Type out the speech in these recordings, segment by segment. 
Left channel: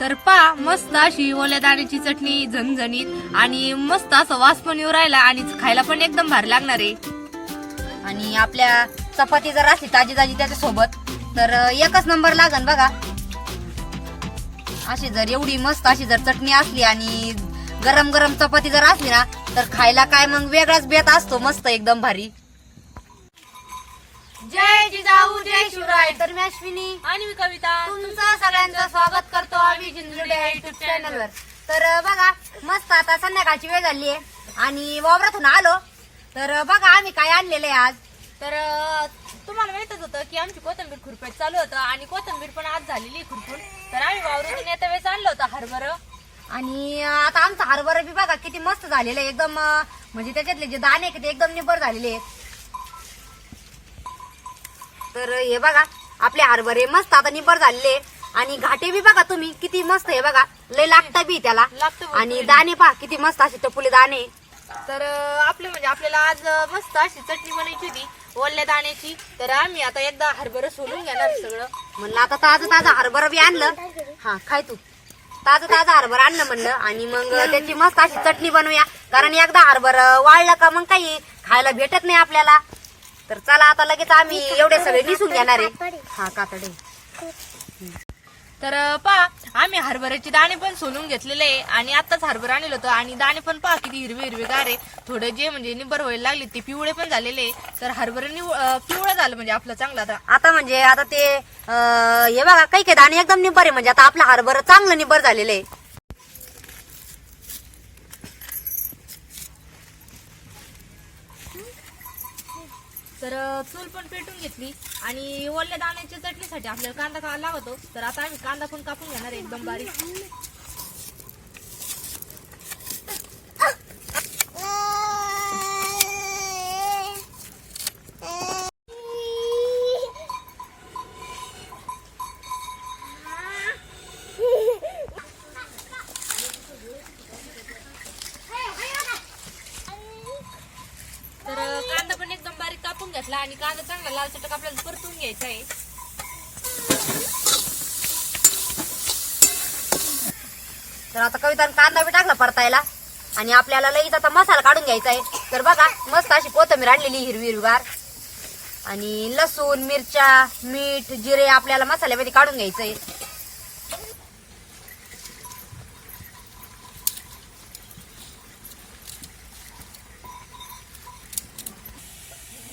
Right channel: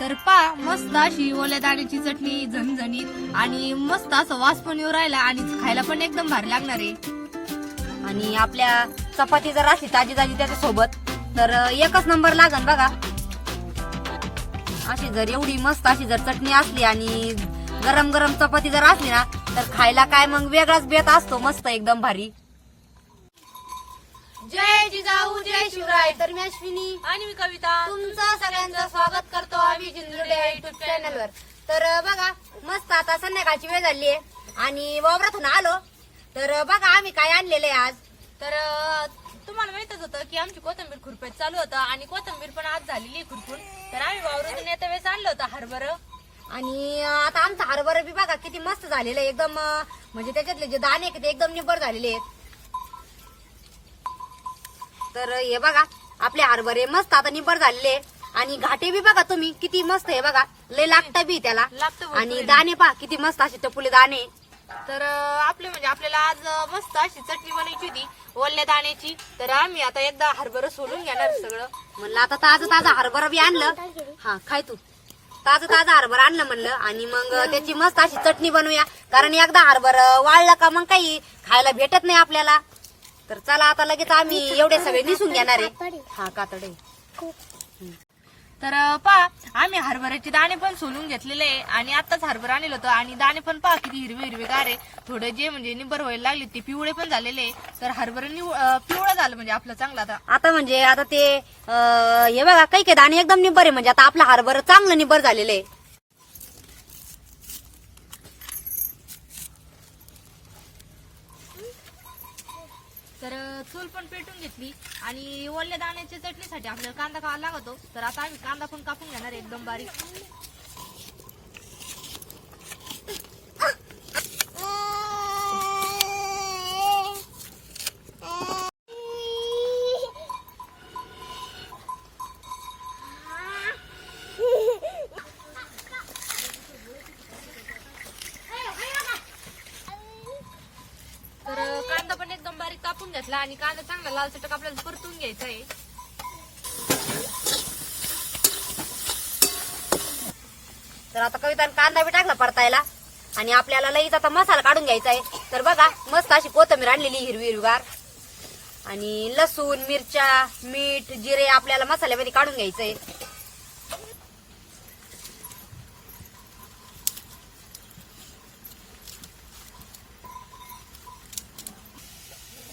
तर पा मस्त अशी ओल्या दाण्याची चटणी झणझणीत आणि मस्त असं वास पण येऊ राहिला आणि खायला पण एकदम भारी लागणार आहे. आणि आपल्या चपाती जर असली ताजी ताजी त्याच्या सोबत तर एकच नंबर लागन बघा. अशी जर एवढी मस्त अशी जर चटणी असली आणि गरम गरम चपाती जर असली ना तर खायला काय मग वेगळाच बेत असतो मस्त एकदम भारी. जय जिजाऊ जय शिवराय. तर मी अश्विनी. आणि मी कविता. तुमचं सगळ्यांचं स्वागत करतो आम्ही जिंजुडे युट्यूब चॅनलवर तर बघा मस्त आता संध्याकाळची वेळ झाली आहे. आणि वावरातून आलो. तर बघा आम्ही काय आणलेलं आहे आज. तर अं, तुम्हाला माहितच होतं की आमची कोथंबीर खुरपेट चालू होतं आणि कोथंबीर पण आज झालेली आहे खुरपून. तर आम्ही वावरातून येत्या वेळेस आणलं होतं हरभरं. आणि अं, आता आमचा हरभरा बी बघा किती मस्त झालेलं आहे. एकदम अं, म्हणजे त्याच्यातले जे दाणे आहेत ते एकदम निबर झालेले आहेत. तर हे बघा आपले हरभरे मस्त आता निबर झालेले. आणि घाटे बी बघा तुम्ही किती मस्त आहे बघा. लय लागता बी त्याला. लागतं. आणि दाणे पहा किती मस्त असे टपुले दाणे. तर आपले म्हणजे आपल्याला आज मस्त अशी चटणी बनायची होती ओल्या दाण्याची. तर आम्ही आता एकदा हरभरं सोलून घेणार सगळं. म्हणलं आता ताजं ताजं हरभरा बी आणलं. हा खाय तू. ताजं ताजं हरभरा आणलं म्हणलं. आणि मग त्याची मस्त अशी चटणी बनवूया. कारण एकदा हरभरा वाळलं का मग काही खायला भेटत नाही आपल्याला. तर चला आता लगेच आम्ही एवढे सगळे निसून घेणार आहे. हा कातडे. तर पहा आम्ही हरभऱ्याचे दाणे पण सोलून घेतलेले आहे आणि आताच हरभरा आणलं होतं आणि दाणे पण पहा किती हिरवे हिरवे गारे थोडे जे म्हणजे निबर व्हायला लागले ते पिवळे पण झालेले आहे. तर हरभरा निव- अं, पिवळं झालं म्हणजे आपलं चांगलं आता. आता म्हणजे आता ते अं, हे बघा काही काही दाणे एकदम निबर आहे. म्हणजे आता आपलं हरभरा चांगलं निबर झालेलं आहे. तर चूल पण पेटून घेतली. आणि ओल्या दाण्याच्या चटणीसाठी आपल्याला कांदा का लागतो. तर आता आम्ही कांदा पण कापून घेणार एकदम बारीक तर अं, कांदा पण एकदम बारीक कापून आणि कांदा चांगला लाल चटक आपल्याला परतून घ्यायचा आहे. तर आता कविता कांदा बी टाकला परतायला आणि आपल्याला लगेच आता मसाला काढून घ्यायचा आहे. तर बघा मस्त अशी कोथंबीर आणलेली हिरवी हिरवीगार. आणि लसूण मिरच्या मीठ जिरे आपल्याला मसाल्यामध्ये काढून घ्यायचं आहे.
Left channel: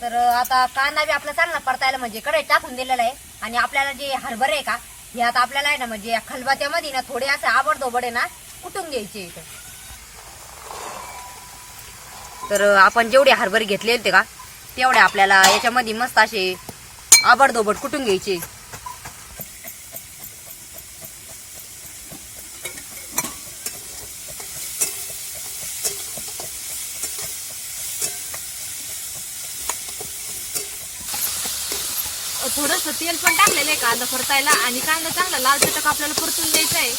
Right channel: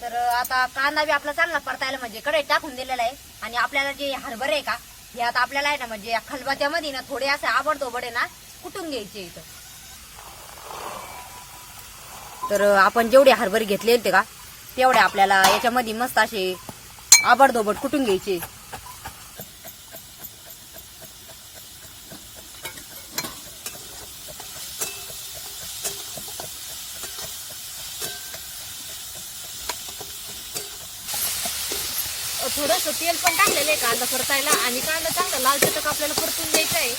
तर आता कांदा बी आपला चांगला परतायला म्हणजे कडे टाकून दिलेला आहे. आणि आपल्याला जे हरभरे आहे का हे आता आपल्याला आहे ना म्हणजे या खलबात्यामध्ये ना थोडे असे आबडधोबड आहे ना कुटून घ्यायचे इथं. तर आपण जेवढे हरभरे घेतले होते का तेवढे आपल्याला याच्यामध्ये मस्त असे आबडधोबड कुटून घ्यायचे. थोडस तेल पण टाकलेलं आहे कांदा परतायला आणि कांदा चांगला लाल चटक आपल्याला परतून द्यायचा आहे.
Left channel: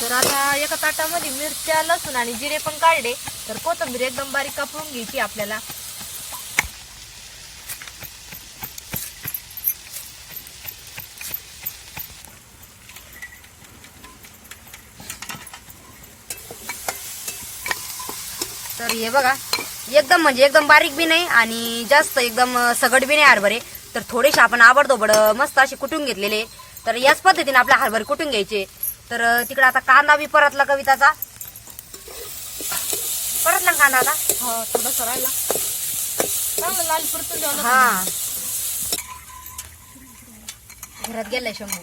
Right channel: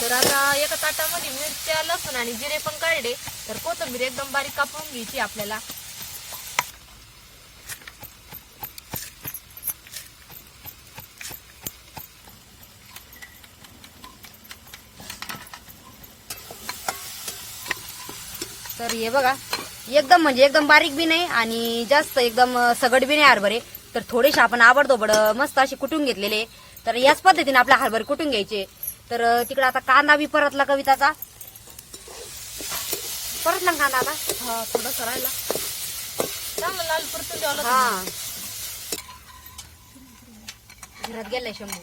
तर आता एका ताटामध्ये मिरच्या लसूण आणि जिरे पण काढले. तर कोथंबीर एकदम बारीक कापून घ्यायची आपल्याला. तर हे बघा एकदम म्हणजे एकदम बारीक बी नाही आणि जास्त एकदम सगड बी नाही हरभरे तर थोडेसे आपण आबडधोबड मस्त असे कुटून घेतलेले. तर याच पद्धतीने आपले हरभरे कुटून घ्यायचे. तर तिकडे आता कांदा बी परतला कविताचा. परतला ना कांदा आता? हा थोडं राहिला. लाल परतून. हा. घरात गेलाय शंभू.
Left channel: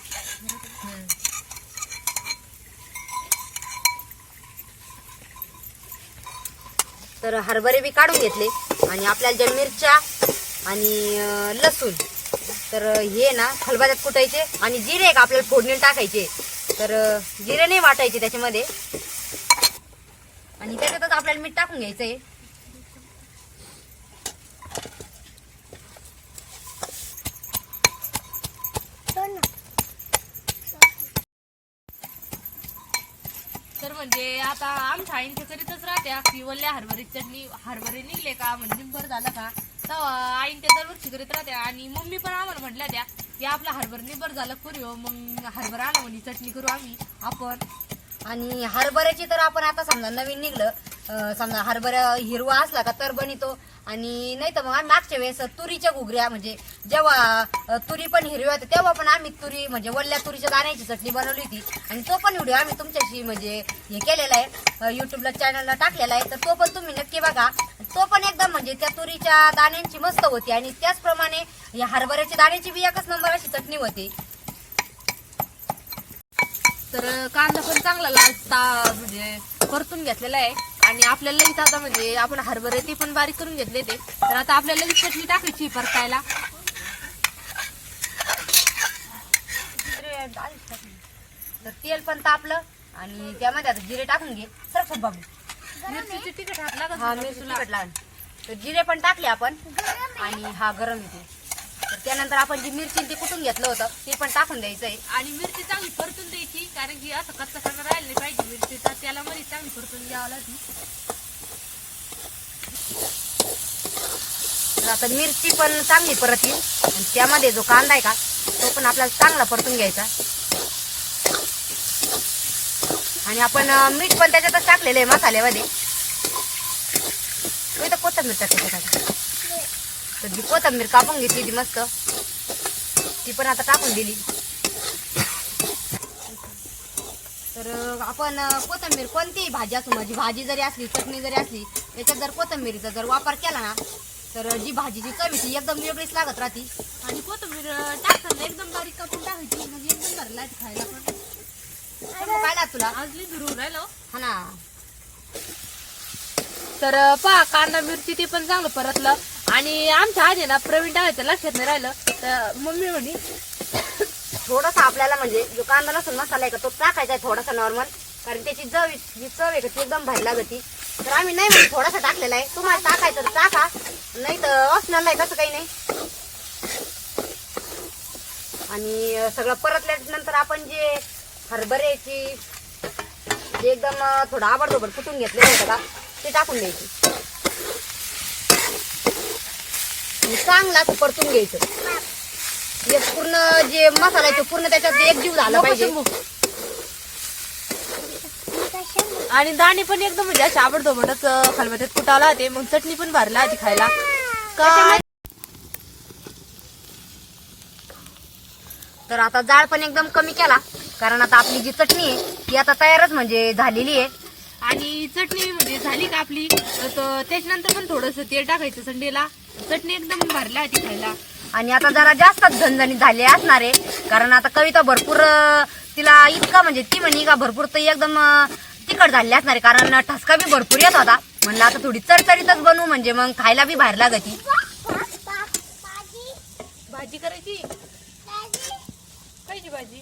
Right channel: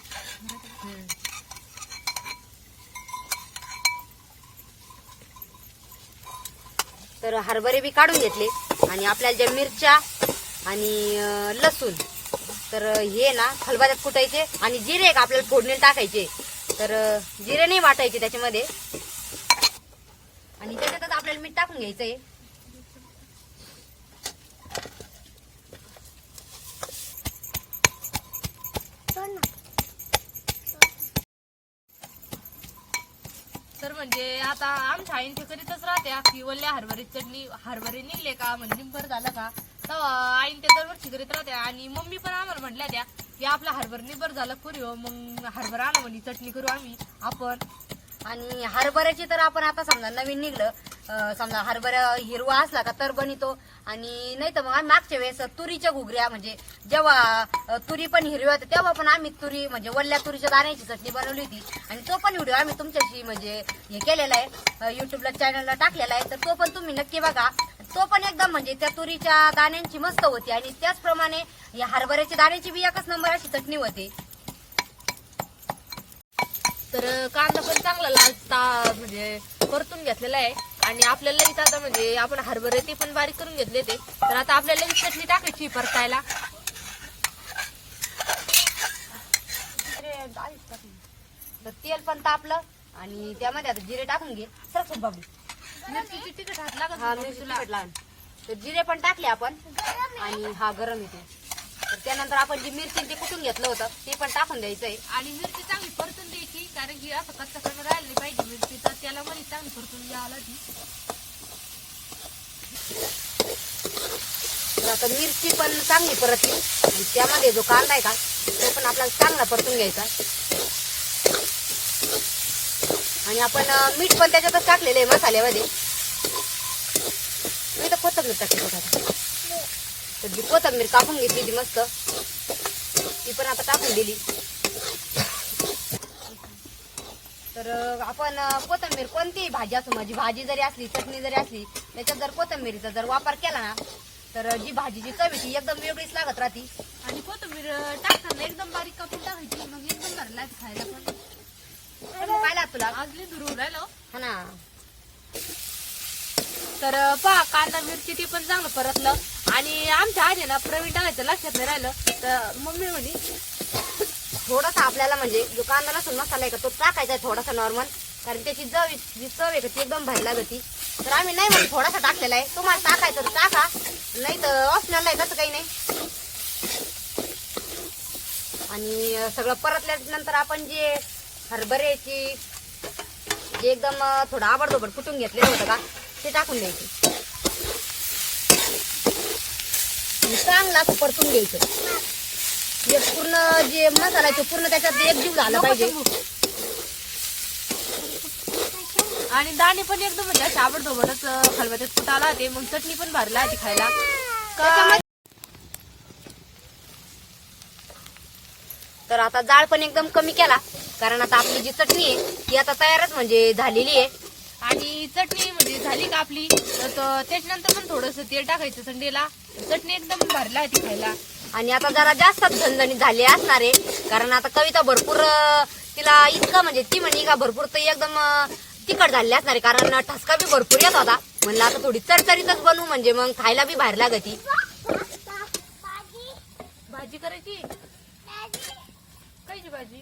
तर हरभरे बी काढून घेतले. आणि आपल्याला ज्या मिरच्या आणि लसूण. तर हे ना खलबत्यात कुटायचे आणि जिरे का आपल्याला फोडणी टाकायचे. तर जिरे नाही वाटायचे त्याच्यामध्ये. आणि त्याच्यातच आपल्याला मीठ टाकून घ्यायचंय. आहे म्हणजे आता आमच्या आईन ते करीतच राहत्या की वल्ल्या हरभरी चटणी हरभरे निघले का म्हणजे निंबर झालं का तर आईन ते दरवर्षी करीत राहत्या आणि मम्मी पण आम्हाला म्हटल्या त्या की आपला हरभर निबर झालं पुरी हो मग हरभरा आणा म्हणजे चटणी करू आम्ही आपण. आणि हरभऱ्याची तर आपण आता समजा नवीन निघलं अं, समजा हरभरा हिरवा असला का तर बनतो आणि नाही तर मग मागच्या वेळेस तुरीच्या घुगऱ्या म्हणजे जेव्हा तुरी पण हिरवी होत्या तेव्हा पण आम्ही तुरी म्हणजे वल्ल्या तुरीच्या दाण्याची चटणी बनवली होती. आणि तो पण व्हिडिओ आम्ही तुमच्याशी म्हणजे हे केलेला आहे युट्यूबला चॅनलला टाकलेला आहे. तर तो पण तुम्ही नक्की बघा. तो पण एकदम म्हणजे त्या तुरीच्या दाण्यांची मस्त होती. आणि त्याचप्रमाणे या हरभऱ्याच्या दाण्याची बी एकच नंबर अशी चटणी होती. तर कांदा पण चांगला लालता म्हणजे परतून घेतलेला आहे. आणि आपल्याला इथं आता म्हणजे आपण हरभरे ते पण बारीक करून घेतले ते. तर आता आपल्याला ही चटणी टाकायची परतायला. तर तेल पण तापलं आणि त्यामध्ये आता जिरे टाकून घे. सरस बाबू मिरचीची तिखट हात लागत हा मिरची. तिखट तर जिरे पण टाकले आपण. आणि हा गरम येतो तर त्यानंतर आपण जी मिरची ते कुटून घेतलं होतं ते पण टाकून द्यायचंय. आणि मिरची चांगली परतून द्यायची कारण की असं कच्चा कच्चा राहिलं पाहिजे मिरची तर त्याला मध्ये चांगली परतून द्यावं लागली. आता मिरची पण चांगली परतली. आणि त्यामध्ये जो कांदा आहे का तो पण आपल्याला चांगला परतून घ्यायचा. आणि आपण मीठ पण त्याच्यातच टाकलेलं आहे मसाल्यामध्ये. मी तर कोथंबीर आता तर जी कोथंबीर कापून घेतली ती मस्त. ती पण आता टाकून दिली. तर आपण कोथिंबीर कोणतीही भाजी असो माझी भाजी जरी असली चटणी जरी असली याच्यात जर कोथिंबीरीचा जर वापर केला ना तर जी भाजीची चव ती एकदम वेगळीच लागत राहती. आणि कोथिंबीर टाकताना एकदम बारीक कापून टाकायची मग एकदम भरला खायला पण. काय तुला? आजली दुरू राहिलो हा. ना. तर पहा कांदा मिरची ते पण चांगलं परतलं. आणि आमच्या आधी ना प्रवीण टाकायचं लक्षात नाही राहिलं तर मम्मी म्हणे थोडासा आपल्याला म्हणजे जो कांदा लसूण मसाला आहे का तो टाकायचा आहे थोडासा नॉर्मल कारण त्याची चव जी चव आहे का ती एकदम भारी जाती तर आम्ही नाही म्हणजे थोडासा टाकलेला आहे तुम्हाला टाकायचं तर टाका नाही तर असणार नाही कसं काही नाही. आणि सगळं परतल्यानंतर आपण जे हरभऱ्याची जे एकदम थोडं आबडधोबड कुटून घेतलेलं होतं का ते टाकून द्यायची. चांगला असं परतून घ्यायचं. जे पूर्ण जे मसाला आहे तो पूर्ण त्याच्यात एकजीव झाला पाहिजे. आणि दाणी पण एकदम म्हणजे अशी आवडतो म्हणत खलबत्यात कुटावला होते. मग चटणी पण भरला होती खायला. तर आता जाळ पण एकदम कमी केला. कारण आता आपली जी चटणी आहे ती आता तयारच म्हणजे झालेली आहे. आणि चटणी म्हणजे झाली का आपली? तर तो- त्याच्यानंतर पण थोडस तेल टाकायचं संडेला. चटणी एकदम भरला होती खायला. आणि आता जरा जास्तच झणझणीत झाले असणार आहे. कारण आता कविता भरपूर अं, तिला इतका म्हणजे ती म्हणे का भरपूर तर एकदम अं, तिखट झाली असणार आहे. कारण ठसका बी भरपूर येत होता. म्हणलं आता थोडी चरचरीतच बनवू म्हणजे मग खायला बी बाहेर लागती. भाजी करायची? कायची भाजी?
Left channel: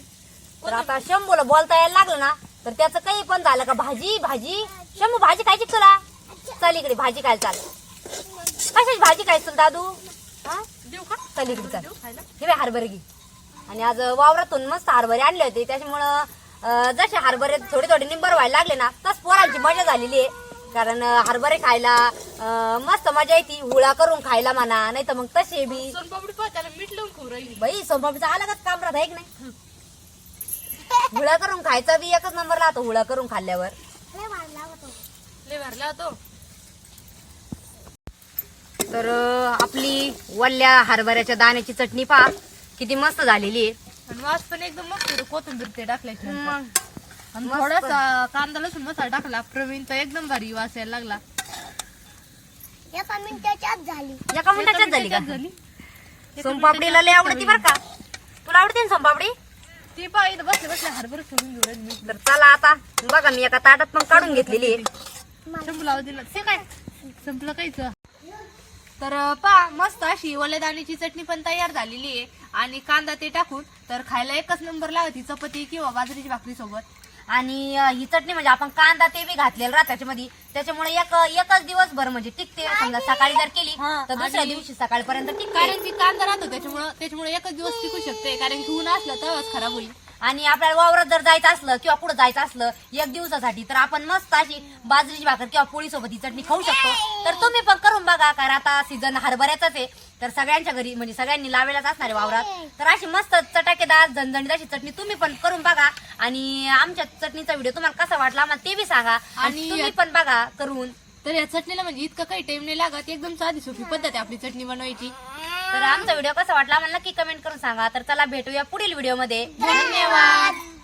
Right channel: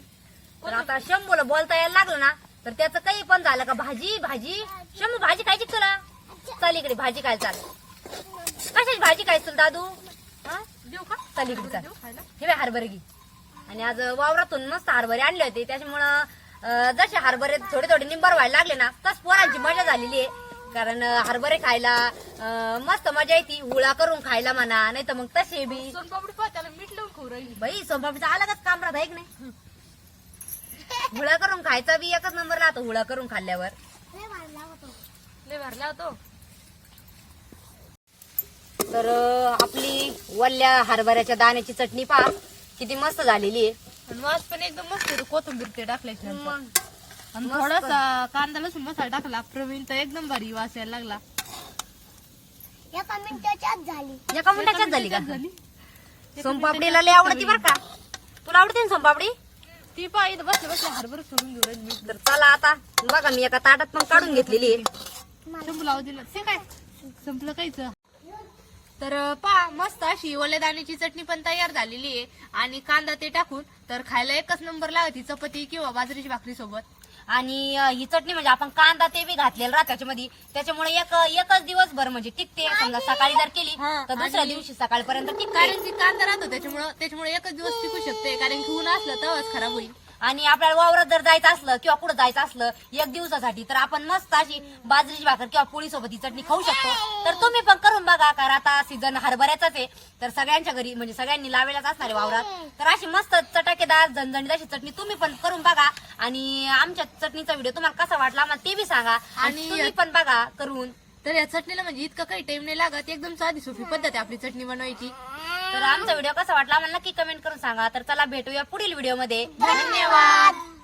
तर आता शंभूला बोलता यायला लागलं ना तर त्याचं काही पण झालं का? भाजी भाजी. शंभू भाजी खायची तुला? चल इकडे भाजी खायला चाल. कशाची भाजी खायची तुला दादू? हा? देऊ का? चल इकडे चाल. देऊ खायला. हे बाय हरभरे घे. आणि आज वावरातून मस्त हरभरे आणले होते. त्याच्यामुळं अं, जसे हरभरे थोडे थोडे निंबर व्हायला लागले ना तस पोरांची मजा झालेली आहे. कारण अं, हरभरे खायला अं, मस्त मजा येते. हुळा करून खायला म्हणा नाही तर मग तसे बी. सोनपापडी पहा त्याला मीठ लावून खाऊ राहिली. बाई अलगच काम राहत आहे की नाही? हुळा करून खायचा बी एकच नंबर राहतो हुळा करून खाल्ल्यावर. लय भरला होतो तर आपली वल्ल्या हरभऱ्याच्या दाण्याची चटणी पहा. किती मस्त झालेली आहे. आणि वास पण एकदम मस्त येतो कोथिंबीर ते टाकल्याच्या नंतर आणि थोडासा कांदा लसूण मसाला टाकला. प्रवीण तर एकदम भारी वास यायला लागला. एका मिनिटाच्याच झाली. का? झाली. सोमपापडीला लय आवडती बरं का? तुला आवडते ना सोमपापडी? ती पहा इथं बसले बसले हरभर सोडून घेऊ राहिली. मी तर चला आता. बघा मी एका ताटात पण काढून घेतलेली आहे. शंभू लावू दिलं. ते काय? संपलं काहीच तर पा मस्त अशी ओल्या दाण्याची चटणी पण तयार झालेली आहे. आणि कांदा ते टाकून तर खायला एकच नंबर लागती चपाती किंवा बाजरीची भाकरी सोबत. आणि अं, ही चटणी म्हणजे आपण कांदा ते बी घातलेला राहत त्याच्यामध्ये. त्याच्यामुळे एक एकच दिवसभर म्हणजे टिकते. समजा सकाळी जर केली हा, तर दुसऱ्या आणि- दिवशी सकाळपर्यंत टिकते. कारण की कांदा राहतो त्याच्यामुळं त्याच्यामुळे एकच दिवस टिकू शकते. कारण की ऊन असलं तेव्हाच खराब होईल. आणि आपल्याला वावरात जर जायचं असलं किंवा कुठं जायचं असलं एक दिवसासाठी तर आपण मस्त अशी बाजरीची भाकर किंवा पोळी सोबत ही चटणी खाऊ शकतो. तर तुम्ही पण करून बघा कारण आता सीझन हरभऱ्याचाच आहे. तर सगळ्यांच्या घरी म्हणजे सगळ्यांनी लावायलाच असणार आहे वावरात. तर अशी मस्त चटाकेदार झणझणीत अशी चटणी तुम्ही पण करून बघा. आणि आमच्या चटणीचा व्हिडिओ तुम्हाला कसा वाटला आम्हाला ते बी सांगा. आणि आणि- तुम्ही पण बघा करून. तर या चटणीला म्हणजे इतकं काही टाइम नाही लागत. एकदम साधी सोपी पद्धत आहे आपली चटणी बनवायची. तर आमचा व्हिडिओ कसा वाटला आम्हाला नक्की कमेंट करून सांगा. तर चला भेटूया पुढील व्हिडिओमध्ये धन्यवाद.